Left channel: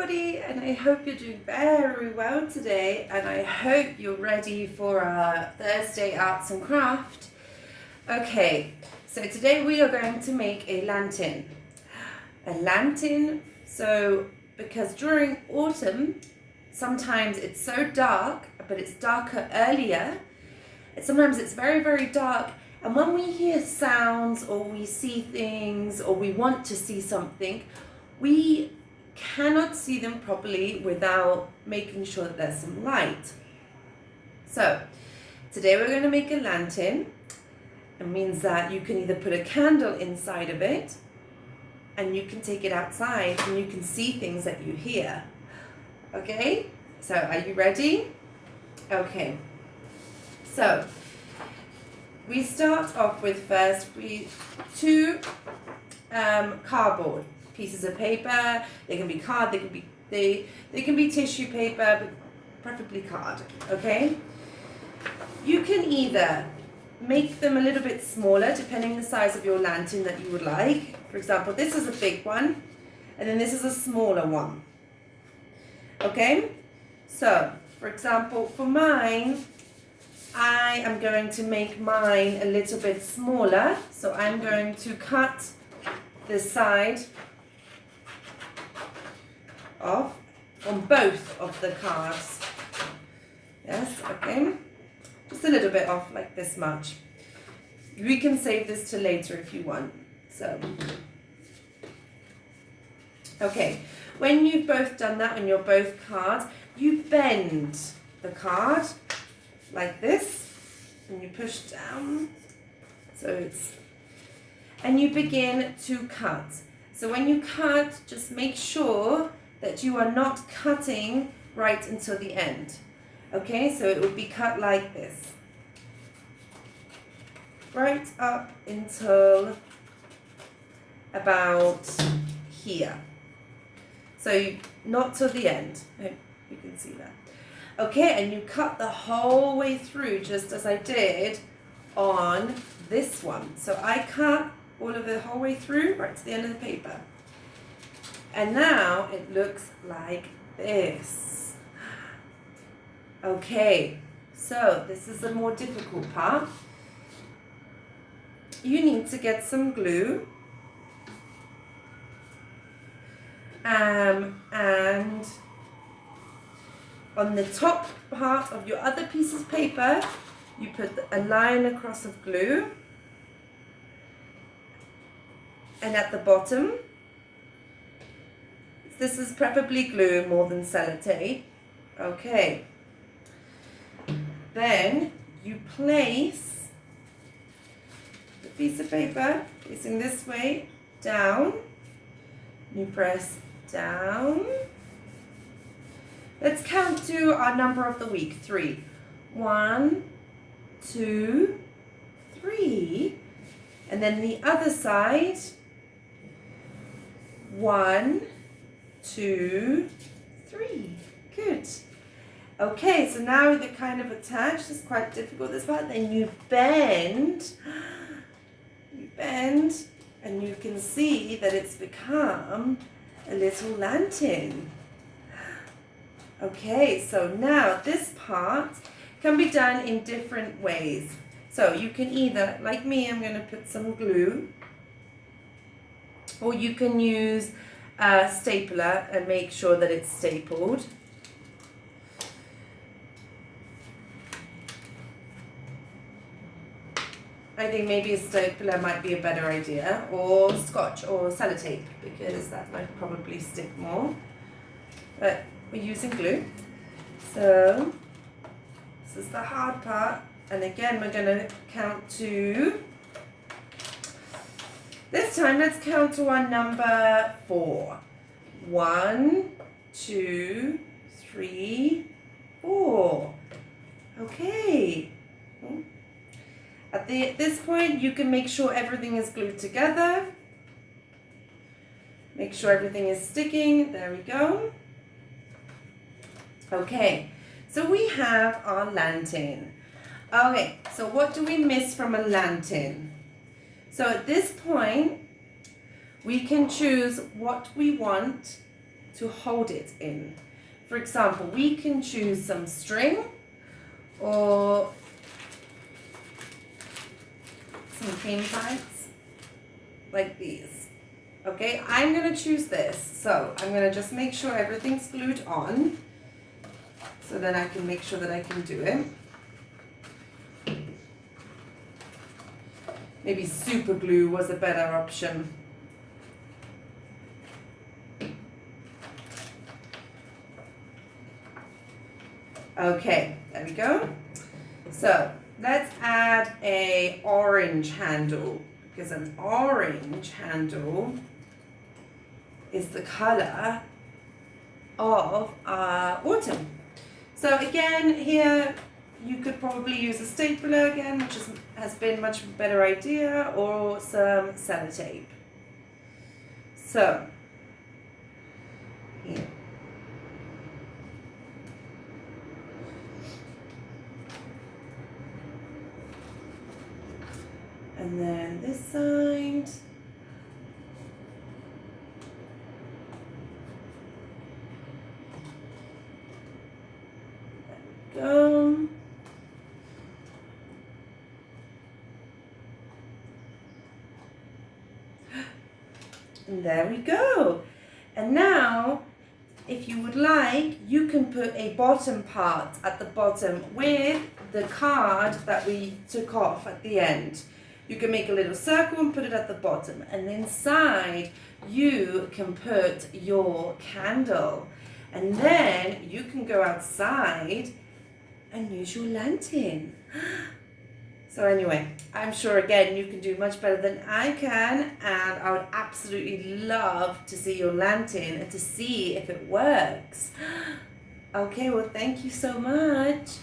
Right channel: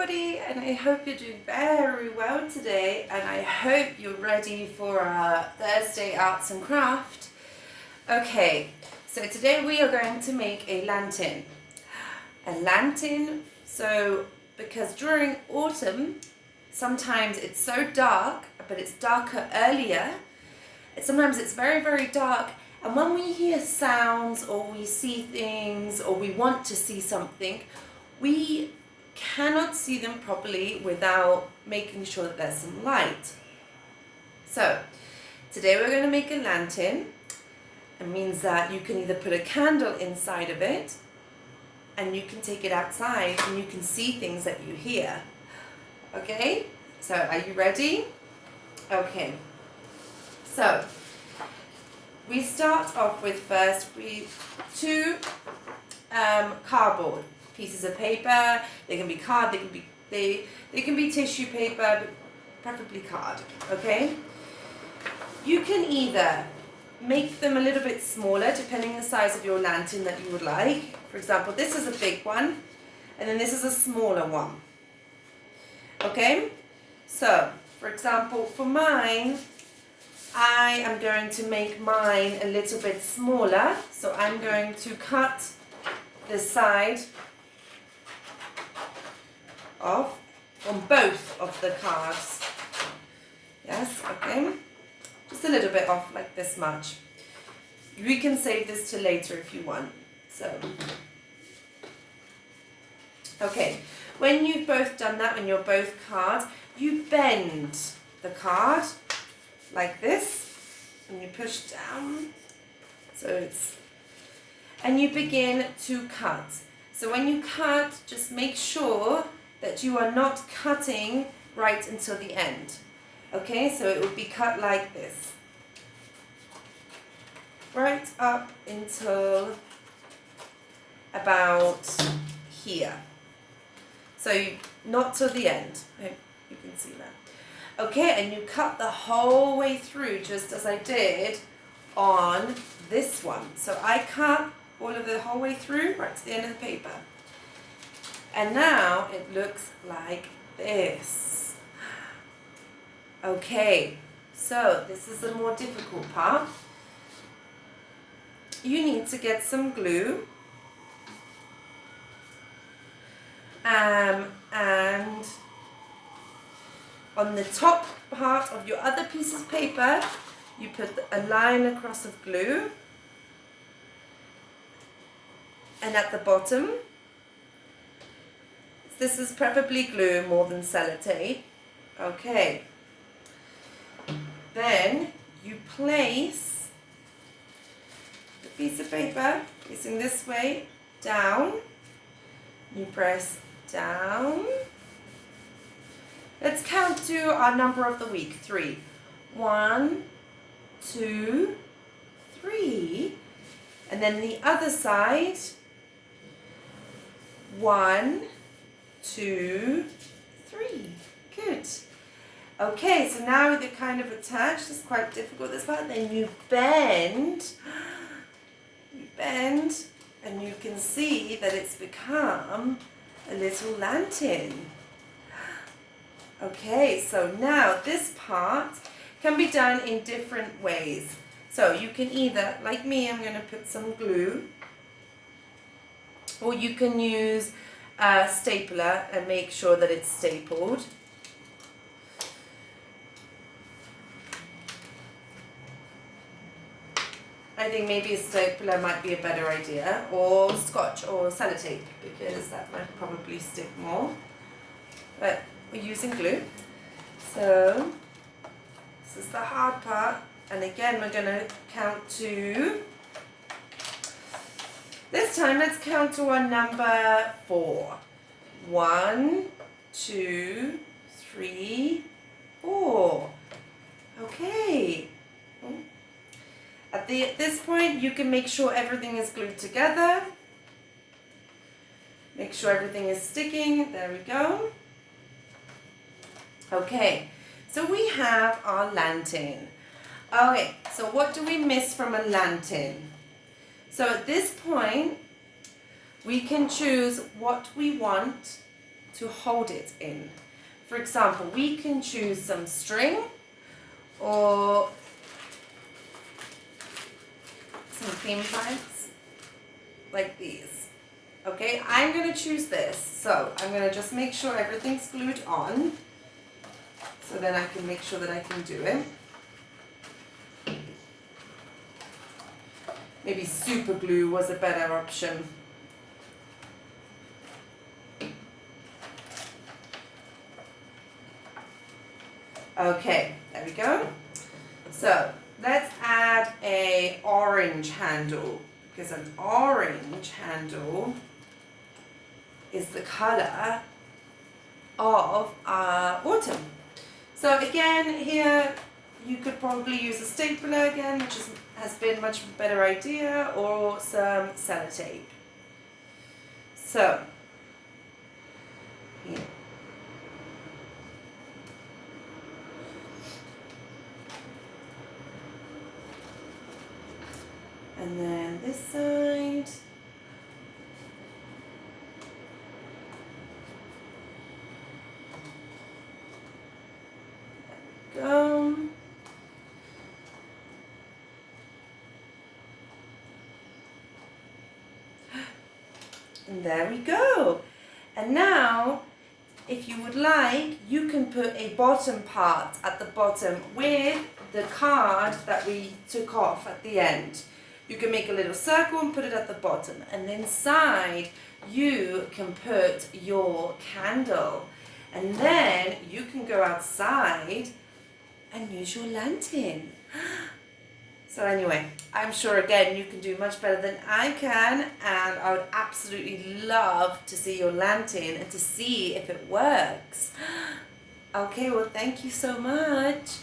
everybody, and I hope you're doing very well today, and I hope you're ready for our Thursday Arts and Craft. Okay, so today we are going to make a lantern. So because during autumn, sometimes it's so dark, but it's darker earlier. Sometimes it's very, very dark, and when we hear sounds or we see things or we want to see something, we cannot see them properly without making sure that there's some light. So today we're going to make a lantern. It means that you can either put a candle inside of it and you can take it outside and you can see things that you hear. Okay, so are you ready? Okay, so we start off with two cardboard pieces of paper. They can be card, they can be tissue paper, but preferably card. Okay. You can either make them a little bit smaller depending on the size of your lantern that you would like. For example, this is a big one, and then this is a smaller one. Okay. So, for example, for mine, I am going to make mine a little bit smaller. So I'm going to cut this side off on both of the cards. Yes, okay. Just a little bit off, like this much. We can save this to later if you want. So, okay. When you've both done that, when you're both cards, you bend the card like this, and you push down. And you begin to cut. So when you cut, just make sure that you are not cutting right until the end. Okay, so it will be cut like this. Right up until about here. So not till the end. You can see that. Okay, and you cut the whole way through just as I did on this one. So I cut all of the whole way through right to the end of the paper. And now it looks like this. Okay, so this is the more difficult part. You need to get some glue. And on the top part of your other piece of paper, you put a line across of glue. And at the bottom, this is preferably glue more than sellotape. Okay. Then you place the piece of paper facing this way down. You press down. Let's count to our number of the week, 3. 1, 2, 3. And then the other side, 1, 2, 3. Good. Okay, so now they're kind of attached. It's quite difficult, this part. Then you bend. You bend, and you can see that it's become a little lantern. Okay, so now this part can be done in different ways. So you can either, like me, I'm going to put some glue, or you can use a stapler and make sure that it's stapled. I think maybe a stapler might be a better idea, or scotch or sellotape, because that might probably stick more. But we're using glue. So this is the hard part. And again, we're going to count to, this time let's count to our number 4. 1, 2, 3, 4. Okay. At this point, you can make sure everything is glued together. Make sure everything is sticking. There we go. Okay, so we have our lantern. Okay, so what do we miss from a lantern? So at this point, we can choose what we want to hold it in. For example, we can choose some string or some clean planks like these. Okay, I'm going to choose this. So I'm going to just make sure everything's glued on, so then I can make sure that I can do it. Maybe super glue was a better option. Okay, there we go. So let's add a orange handle, because an orange handle is the color of our autumn. So again, here you could probably use a stapler again, which has been much better idea, or some sellotape. So here. And then this side. There we go. And there we go. And now, if you would like, you can put a bottom part at the bottom with the card that we took off at the end. You can make a little circle and put it at the bottom. And inside, you can put your candle. And then you can go outside and use your lantern. So anyway, I'm sure again you can do much better than I can, and I would absolutely love to see your lantern and to see if it works. Okay, well thank you so much.